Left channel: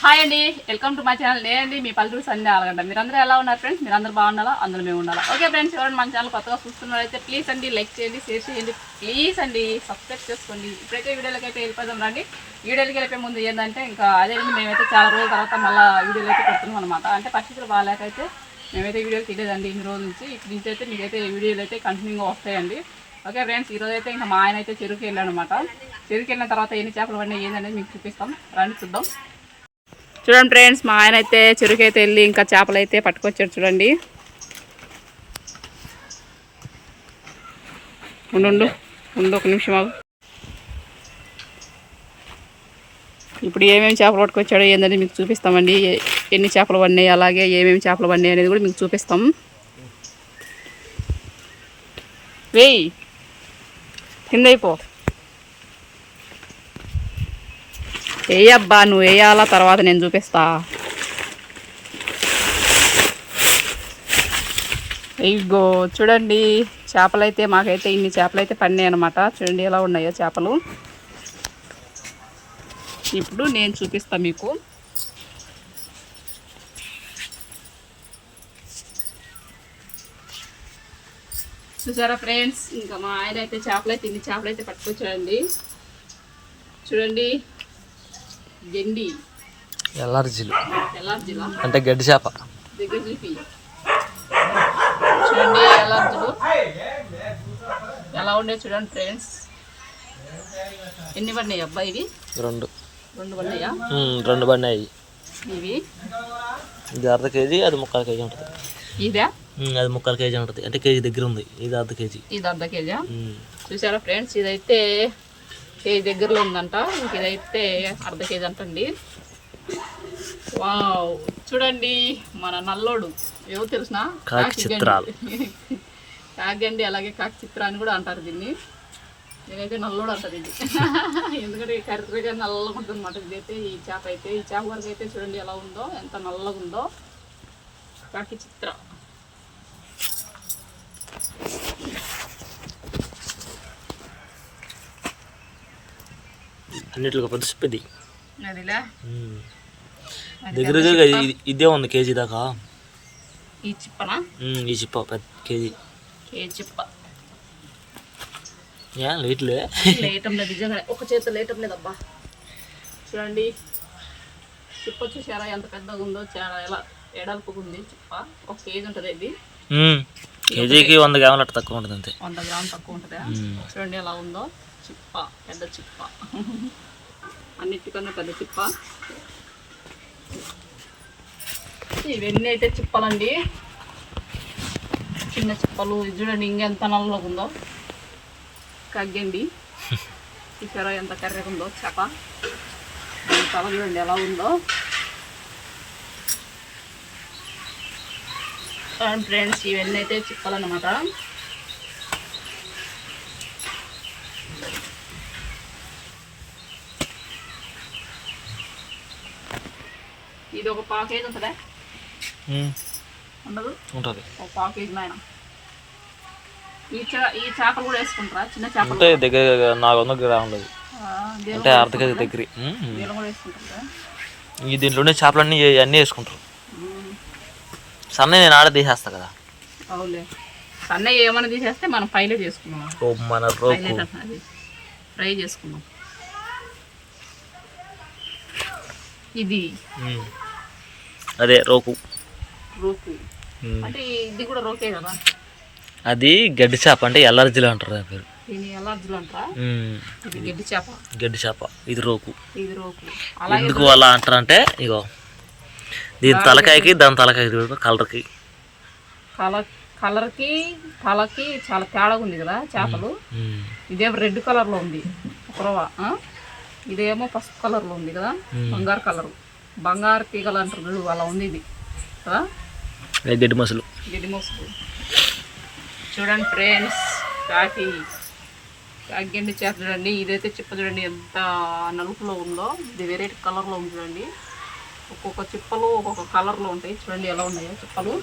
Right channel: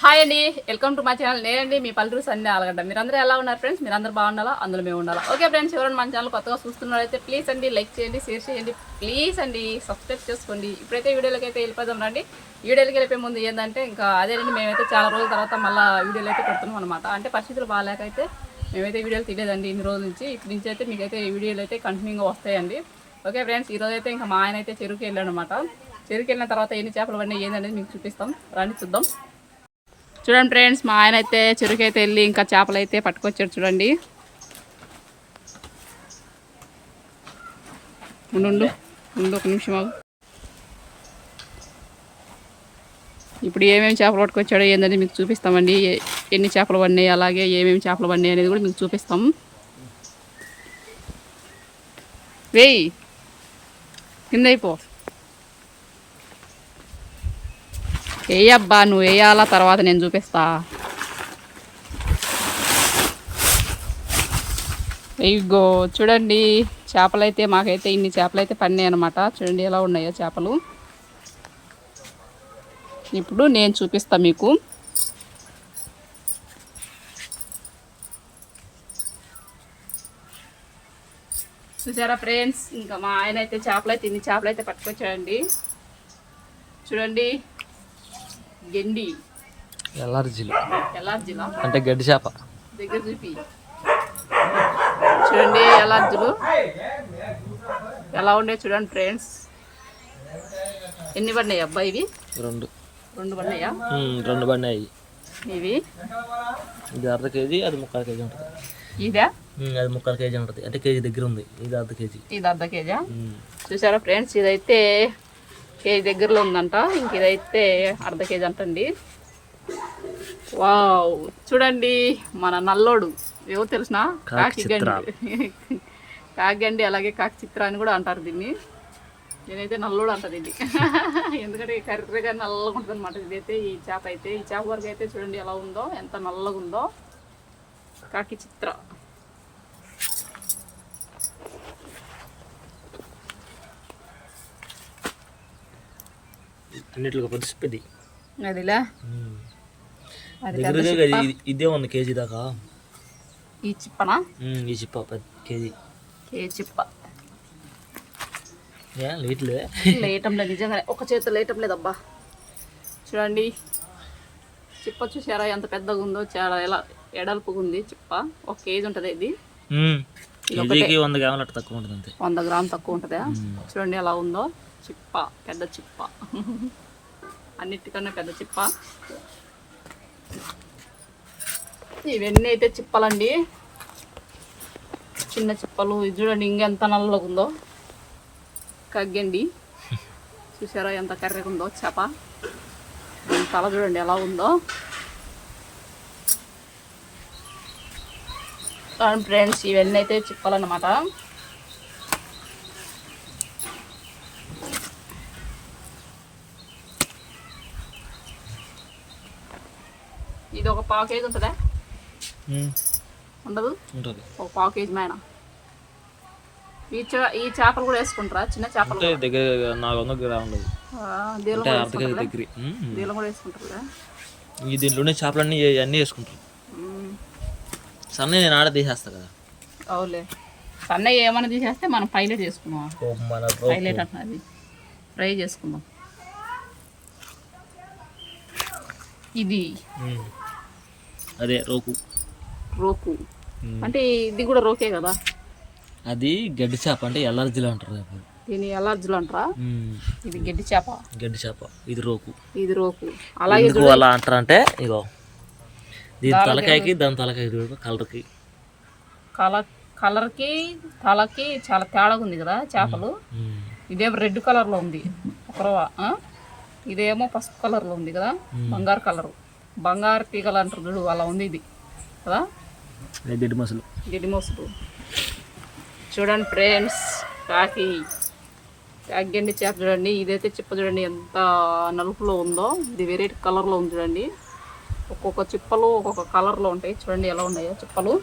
Hi అండి. Welcome to my channel. నేనండి మీ పల్లెటూరు సంధ్య ఆలగడ్డ. మీరందరూ ఎలా ఉన్నారు ఫ్రెండ్స్? మీరందరూ బాగుండాలా అందులో మేము ఉండాలా ఓకే ఫ్రెండ్స్ ఎవరైనా మన ఛానల్ కొత్తగా చూస్తున్నారైతే ప్లీజ్ అండి లైక్ చేయండి షేర్ చేయండి ప్లీజ్ అండి సబ్స్క్రైబ్ చేసుకోండి. ఇప్పుడైతే వీడియోలోకి అయితే వెళ్ళిపోదాం రండి. వీడియోలోకి వెళ్ళిపోయే ముందు ఏంటంటే ఇంకా అదేంటి మేమైతే చాలా రోజుల తర్వాత మళ్ళీ వీడియోలు అయితే పెడుతున్నాం అనమాట అంటే పరిస్థితులు బాగాలేకైతే మేమైతే వీడియోలు తీయలేదండి ఇన్ని రోజుల నుంచి. ఇటు నుంచి అయితే మీకైతే వీడియోలు అయితే కంటిన్యూగా వస్తాయండి. ఓకే ఫ్రెండ్స్ ఈరోజు అయితే ఇంకా మా ఆయన అయితే చెరుకు వెళ్ళాడు అనమాట చెరుకు వెళ్ళిన తర్వాత ఎన్ని చేపలు పడినాయి ఏందనేది మీకు చూపిస్తాం. రండి చూద్దాం. చూడండి ఫ్రెండ్స్ మా ఆయన అయితే చెరుకు అయితే వెళ్ళి ఇంకా చేపలు అయితే పట్టుకొచ్చారు చూడండి. ఉండు ఉండు ఉండు ఒక నిమిషం ఆగు. ఇప్పుడు ఏమేమి చేపలు పట్టుకొచ్చాడో ఏందని మీకు చూపిస్తామండి. ఎన్ని చేపలు పడినాయి అలాగే ఏమేమి చేపలు పడినాయి అనేది కూడా మీకు చూపిస్తాం. వేయి కింద అయిపో. వేయబ్బా నువ్వు వేయాలా? తర్వాత నేను చూపిస్తా. ఇగో చూడండి చేపలైతే మాకైతే ఇన్ని చేపలు అయితే పడినాయి అనమాట చూడండి ఎలా ఉన్నాయో చేపలు. ఇప్పుడు నేను చూపిస్తా మీకు. చూసారా ఫ్రెండ్స్? ఇంకా మా ఆయన అయితే చేపలు అయితే ఇన్ని చేపలు అయితే పట్టుకొచ్చాడండి. చూడండి గెండి. ఎలార్జీలా అంటే గడ్డి చేప. దగ్గర చూపి. చూడండి ఎలార్జీలు ఎలా ఉండే చూడండి ఫ్రెండ్స్. ఎన్ని పడినాయి అబ్బా ఇవి? రెండు. రెండు పడినాయా? రెండు పడినాయి. ఇవి? ఇది అర్ధ కేజీ అది ముక్కాలు కేజీ ఉంటుంది. ఇదా? అది ముక్కాలు కేజీ ఉంటుంది. అంటే కేజీ దగ్గర ఉంది. ఇది అర్ధ కేజీ. ఇది అర్ధ కేజా. చూసారా ఫ్రెండ్స్? ఇదైతే కేజీ దగ్గరలో ఉందంట. ఇంక ఇదైతే అర్ధ కేజీ అంటండి. వావ్. చూడండి మన నల్లోడు. ఏవో తెలిసిన. కాగండి అలాగే కాకి చిత్ర అని కూడా అంటారు దీన్ని. నేనైతే నల్లోడు అంట దీన్ని. ఎందుకంటే కర్రీగా నల్లగా ఉంటుంది అనమాట ఇదైతే ఈ చేప అయితే. ఈ చేప వరకు అయితే చూడండి ఎలా ఉందో ఎంత నల్లగా ఉందో కాకి చిత్ర. అన్నిటిలో పెద్ద చెప్పేది అదిలే? దగ్గర దగ్గర ఇది- ఉంది కేజీ దాకా. ఈ చిప్పనా? ఈ చిప్ప పెద్ద కేజీ. ఏ చిప్ప? ఏ లేట్లే. లేయటం లేదు నిజంగా ఒక చేతితో లేయటం లేదు అబ్బా చూడండి. చిప్ప చూసారా? ఎంత పెద్దగా ఉందో చాలా ఎలా ఎడల్పుగా ఉంది చిప్ప. ఒక కేజీ ఉంటుంది ఇది. కేజీకి వంద గ్రాములు అట్ట తక్కువ ఉంటుంది అంతే. వంద గ్రామ్ తక్కువ ఉంటుందా? చూడండి ఎలా ఉందో. చిప్ప పెద్ద చిప్ప. అన్నిటికన్నా పెద్ద చిప్ప ఇవన్నీ అయితే చిప్పలండి చిన్న చిప్పలు ఇది చూడండి ఇంకెంత నల్లగా ఉందో. కగ్గండి. చూసారా ఎంత కర్రెగా ఉందో చేప. తల చూడండి ఎలా ఉందో. ఫ్రెండ్స్ ఇవన్నీ అయితే చిప్పలన్నమాట ఇది ఒక పావు కేజీ ఉంటుందా? ఉండదు? ఉంటుంది. ఒక పావు కేజీ నాయన. ఈ చా ఈ చేపలు కూడా వేసుకుంటారా? చిన్న చేపలు అంటే దగ్గర నాలుగు వందల గ్రాములు అంటే అర్ధ కేజీ దగ్గర. దీనిలో కూడా వేసుకుంటారు ఈ దీంట్లోనే చేపలన్నీ అన్నీ వేసుకుంటారు. సన్న నేను ఆడ తీసేస్తా కదా. అవునులే. సన్నయ్య ఏమైనా తీసేస్తే మనం పైలట్ చేసుకున్నాం మన పైలట్ అది ఫ్రై చేసుకుందాం. ఇది. అదే రోకు. రోకు. అంటే ఇది కూడా రోకే కదా? అది గడ్డి చేప అంటే ఎల్ఆర్జీలో అంటారు దాని పేరు. దీని ఎలర్జీలు అంటారా. ఇది గడ్డి చేప. గడ్డి చేప. ఇది రోకు. ఇది రోకు. అలాగే ఎందుకు అలా అంటారంటే ఇగో దీని తలకాయకి దాని తలకాయకి కలర్కి. కలర్ కలర్కి తలకి చాలా తేడాగా ఉంది కదా చేపలు. ఇదేమో రెడ్ కలర్లో ఉంది. ఒకరవ ఇదేమో పసుపు కలర్లో ఉంది కదా? బంగారు కలరు. బంగారు తీగలు అంటారు చూడు అలా ఉంది ఇది. కదా? గిడి చూడండి ఫ్రెండ్స్ కాకి కాకిగండి చేప చూడండి ఇదైతే చిప్ప చూడండి ఎంత నలుపులో ఉందో ఇది వేరే కలర్లో ఉంది చూడండి. ఒక్కొక్క చిప్పలు ఒక్కొక్క కలర్లో ఉంటాయి. చూడండి ఎలా ఉన్నాయో చిప్పలు.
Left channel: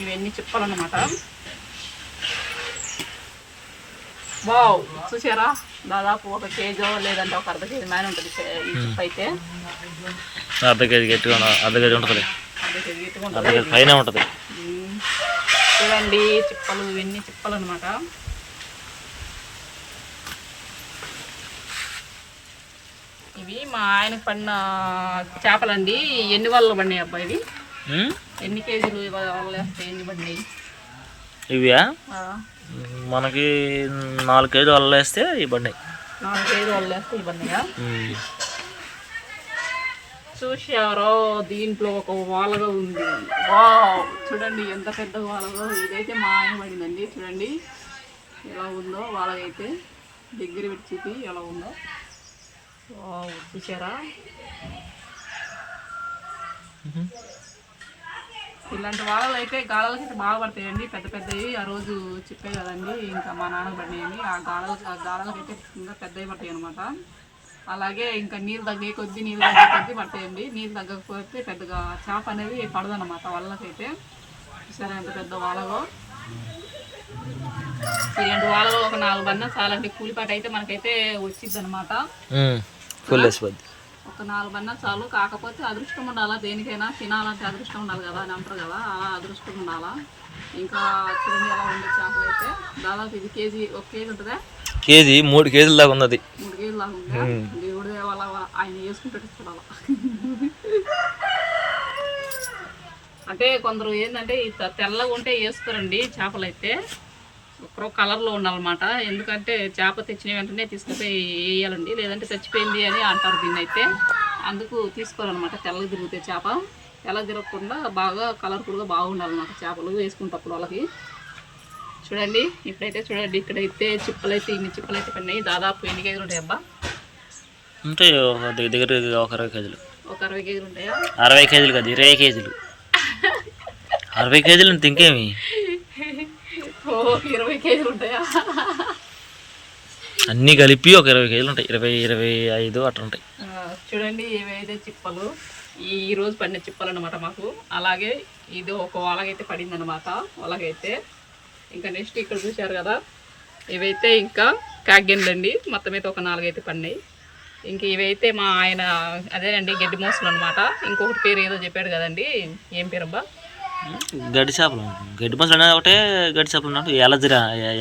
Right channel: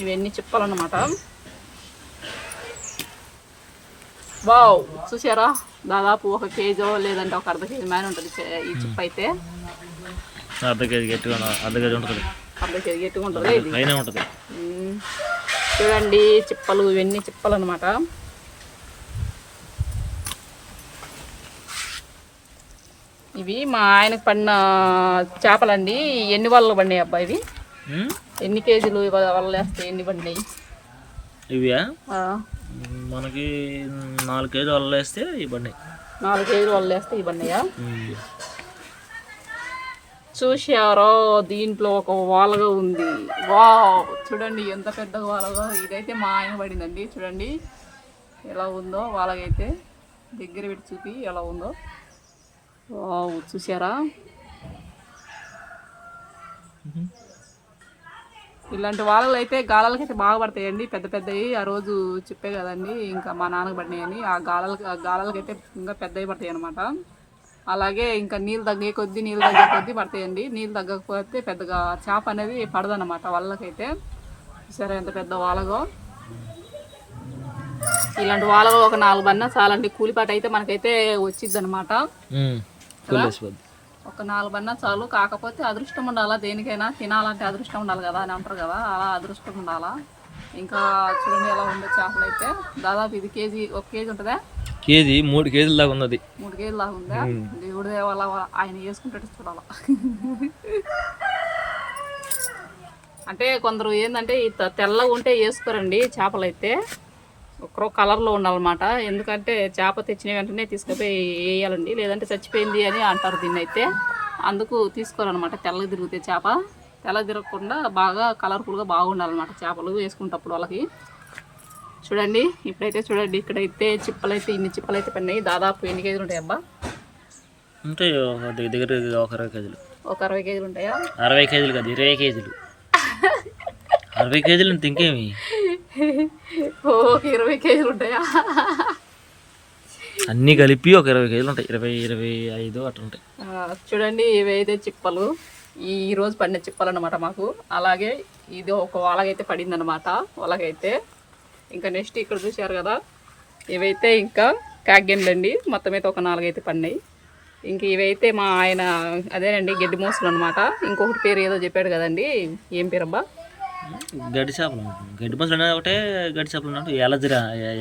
ఇవన్నీ చిప్పలు అన్నమాట. వావ్ చూసారా? దాదాపు ఒక కేజీ లేదంటే ఒక అర్ధ కేజీ మ్యాన్ ఉంటుంది ఈ చిప్ అయితే. అర్ధ కేజీ గట్టిగా అర్ధ కేజీ ఉంటుంది. అర్ధ కేజీ గట్టిగా ఉంటుంది. పైన ఉంటుంది. చూడండి చిప్పలు ఇవన్నీ చిప్పలు అనమాట ఇవి మా ఆయనకు పడిన చేపలండి. ఎన్ని వలలు పడినాయి అబ్బా ఇవి? ఎన్ని కేజీలు వలలు వేస్తే ఎన్ని పడినాయి? ఇవియా ఆ, మనకి నాలుగు కేజీలు వల్ల వేస్తే ఇవి పడినాయి నాలుగు కేజీలు వలలు వేస్తే ఇవి పడినాయా ఉమ్. చూశారో? దీంట్లో ఒక వాలగా ఉంది. వావ్! చూడండి ఎంత పెద్ద వాలగా. ఇదైతే మా ఆయన పడిందండి. చూడండి ఎలా ఉందో వాలగైతే. దగ్గర పెట్టి చూపి ఎలా ఉందో. వావ్! చూసారా ఇలాంటి వాలలు అయితే గాలాలకైతే బాగా పడతాయండి. పెద్ద పెద్దవి. ఆ రోజు చెప్పే కదండి ఇంకా మా నాన్నకు పడినాయని. ఆ గాలలకు ఆ గాలాలకైతే ఇంకా పెద్దవి పడతాయి అనమాట అలాగే ఇంకా నీళ్ళు తగ్గే కొద్దీ నీళ్ళు తగ్గే కొద్దీ పడతాయండి. నీళ్ళు తగ్గకపోతే పెద్దగా చేప అనేది పడదన్నమాట వాళ్ళకైతే. సరే ఎంత పెద్ద వాలగో. ఇలాంటి వాలగో ఒక నాలుగు బన్న చాలండి. కూలిపాట అయితే మనకైతే వచ్చిద్ది అనమాట ఒక నాలుగు బన్న చాలు. కాకపోతే అదృష్టం ఉండాలా? దేనికైనా తినాలంటే అదృష్టం ఉండాలి కదా అని అంటారు కదా. అలా అదృష్టం ఉండాలా? ఇంకా చూడండి ఎలా ఉందో చేపలు అయితే. దాదాపు ఇది కేజీ ఒక కేజీ ఉంటుందా? కేజీ మూడు కేజీల దాకా ఉంది అది మూడు కేజీలు లాగా ఉందా? దేవుడు వాళ్ళ ఆయన వేసుకుంటే చూడాల అంటే కొందరు ఏంటంటే తెల్లగా ఉంటే వేసుకోరండి చేపలు అయితే. ఒక్కరో కలర్లో ఉండాలన్నమాట. ఎందుకంటే చేప తెచ్చిన వెంటనే తీసుకుపోయి వేయాలండి. లేదంటే చచ్చిపోయింది అని అంటారు దీన్ని అయితే అందుకు తీసుకోవాలన్నమాట తెల్లగా తిరిగితే చేప. తెల్ల తిరగకుండా బాగా కలర్ఫుల్గా బాగుండాలన్నమాట చేపలు వేసుకుంటప్పుడు వాళ్ళకి. చూడండి ఇప్పుడైతే చూడండి ఇక్కడైతే చిప్పలైతే ఇన్ని చిప్పలైతే పడినాయి. దాదాపు ఎన్ని కేజీలు ఉంటాయి అబ్బా? ఉంటాయి ఒక దగ్గర దగ్గర ఒక అరవై కేజీలు. ఒక అరవై కేజీలు ఉంటాయా? అరవై కేజీలు కాదు ఇరవై కేజీలు. అరవై కేజీలు అంటే ఇంకేమి? ఓ ఇరవై కేజీలు ఉంటాయా? అన్నీ కలిపి ఒక ఇరవై కేజీలు ఉంటాయి. ఇరవై ఇరవై ఐదు అట్లా ఉంటాయి. చూడండి ఇవైతే చిప్పలు. ఈ రోజు పడిన చిప్పలు అనమాట మాకు. అలాగే ఇది ఒక వాళ్ళకైతే పడింది అనమాట వాళ్ళకైతే ఇంకా నెక్స్ట్ ఇక్కడ చూశారు కదా ఇవైతే ఇంకా కాగ్గెండ్లండి మొత్తం అయితే ఒక నాలుగైతే పడినాయి. ఇంక ఇవైతే మా ఆయన అదేనండి గడ్డి మోసలు అనమాట ఇంకొకటి పేరు ఏదో చెప్పాడు కదండి. ఏం పేరు అబ్బా గడ్డి చేపలు. గడ్డి మసలు అనేది ఒకటే గడ్డి చేపలు అంటారు. ఎలర్జీ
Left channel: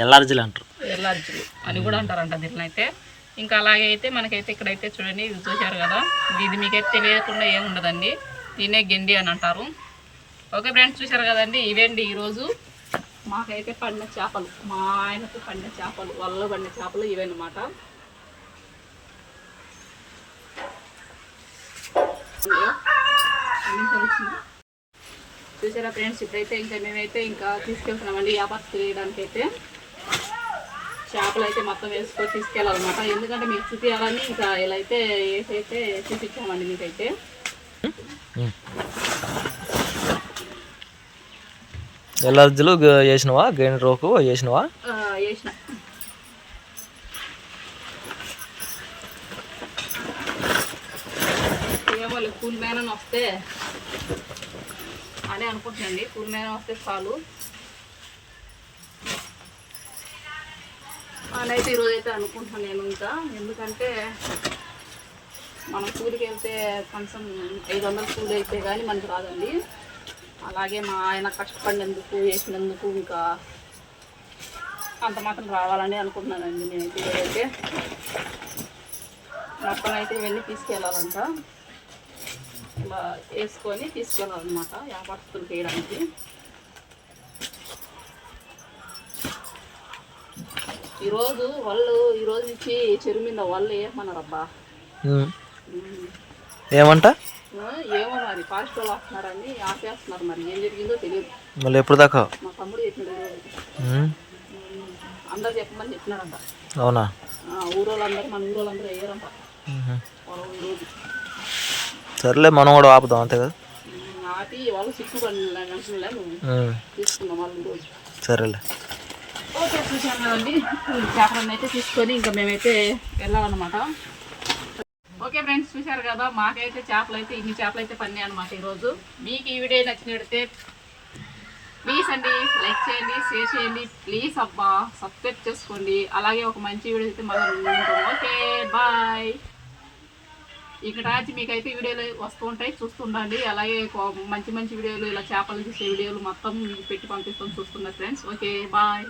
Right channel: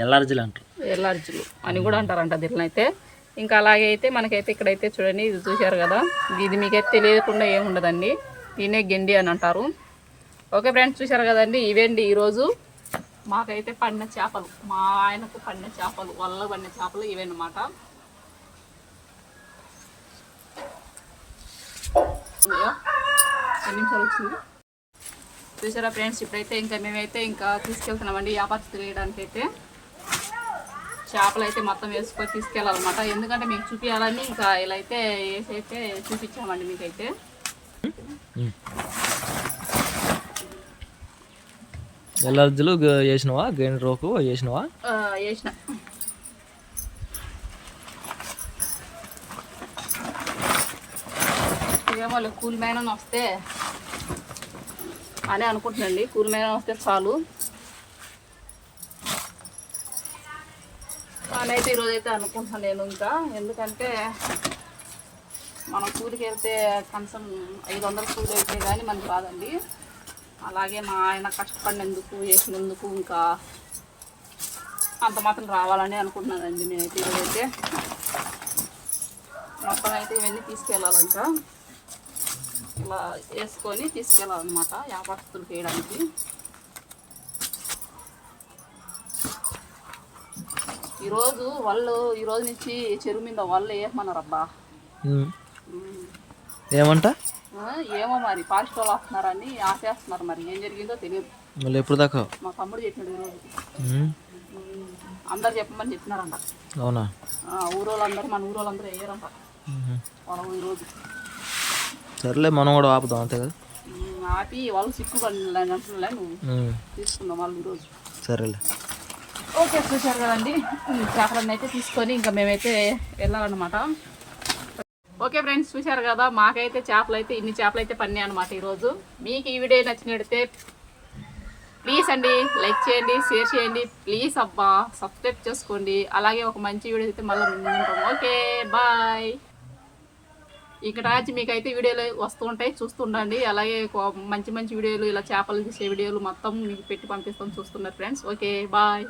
ఎల్లార్జిలు అంటారు. ఎల్లార్జులు అని కూడా అంటారంట దీని అయితే ఇంకా అలాగే అయితే మనకైతే ఇక్కడైతే చూడండి ఇది చూశారు కదా. ఇది మీకైతే తెలియకుండా ఏముండదండి దీనే గెండి అని అంటారు. ఓకే ఫ్రెండ్స్ చూశారు కదండి? ఇవేండి ఈరోజు? మాకైతే పండిన చేపలు. మా ఆయనకు పండిన చేపలు వల్ల పండిన చేపలు ఇవేనమాట. ఎన్ని వచ్చింది చూసారా ఫ్రెండ్స్? ఇప్పుడైతే ఇంకా మేమైతే ఇంకా తీసుకెళ్తున్నామండి వ్యాపారం తెలియడానికి అయితే చేపలు అయితే మొత్తం వేసుకొని తీసుకెళ్ళాలన్నమాట. ఎందుకంటే మీకు చూపించాలని ఇంకా ఇలా అయితే వేసి అయితే చూపించామండి మీకైతే. ఎల్లార్జిలు వేసినవా? గైన్ రోకు వేసినవా? వేసిన. ఏమో కూల్ మ్యాన్ అని వస్తే అని అనుకుంటున్నాండి. కూల్ మీద వస్తే చాలు. నేనైతే ఈరోజు అయితే అనుకుంటున్నాను నేను ఇంకా. ఎందుకంటే మనం కూలికి వెళ్తే కనీసం ఐదు వందల కూలి అయితే కానీ మనకు రాదండి. అలాగే మా ఆయన కష్టపడినందుకు చేసినందుకు ఇంకా అంత మాత్రం రావాలని అనుకుంటున్నానండి నేనైతే ఈరోజైతే. మొత్తం అయితే ఇవన్నీ తీసుకెళ్ళాలంట. ఇలా వేసుకొని తీసుకెళ్ళాలన్నమాట వ్యాపారస్తులకు వేయడానికి. ఈరోజు వాళ్ళు ఈరోజు నుంచి చెరువు మీద వాళ్ళు ఏమన్నారు అబ్బా ఉమ్. ఏమంట? ఏమో మరి ఫారెస్ట్ వాళ్ళు వస్తున్నారని ఆపేస్తున్నారు మరి ఏం జరిగిందో తెలియదు. మళ్ళీ ఎప్పుడు దాకా? మా తమ్ముడు చెప్పినాడు ఈరోజు. ఉమ్. అందరు చెప్పమని చెప్పినారంట. అవునా? ఊరోళ్ళందరూ మన ఊరోళ్ళందరూ వేయరంట. వాళ్ళ సర్లే మనం కూడా ఆపుదాం అంతే కదా? సరేలే. ఓకే చూశారు కదండి. చేపలను అయితే తీసుకొని ఇంకా మేమైతే వెళ్ళాలన్నమాట. ఓకే ఫ్రెండ్స్ చూశారు కదా మాకైతే చేపలు అయితే ఇన్ని చేపలు అయితే పన్నాయి అనమాట ఈరోజు. మీకు ఈ వీడియో నచ్చినట్టే ప్లీజ్ అండి లైక్ చేయండి షేర్ చేయండి. ప్లీజ్ అబ్బా సబ్స్క్రైబ్ చేసుకోండి. అలాగే ఒక మంచి వీడియో అయితే మళ్ళీ ఓకే బాయ్. ఇక్కడ నుంచి మీకు అయితే వీడియోలు వస్తూ ఉంటాయి చూస్తుండండి అలాగే మంచి మంచి వీడియోలు ఇలా చేపలు తీసే వీడియోలు మొత్తం మీకు పెట్టి పంపిస్తాం చూస్తున్నారు ఫ్రెండ్స్ ఓకే బాయ్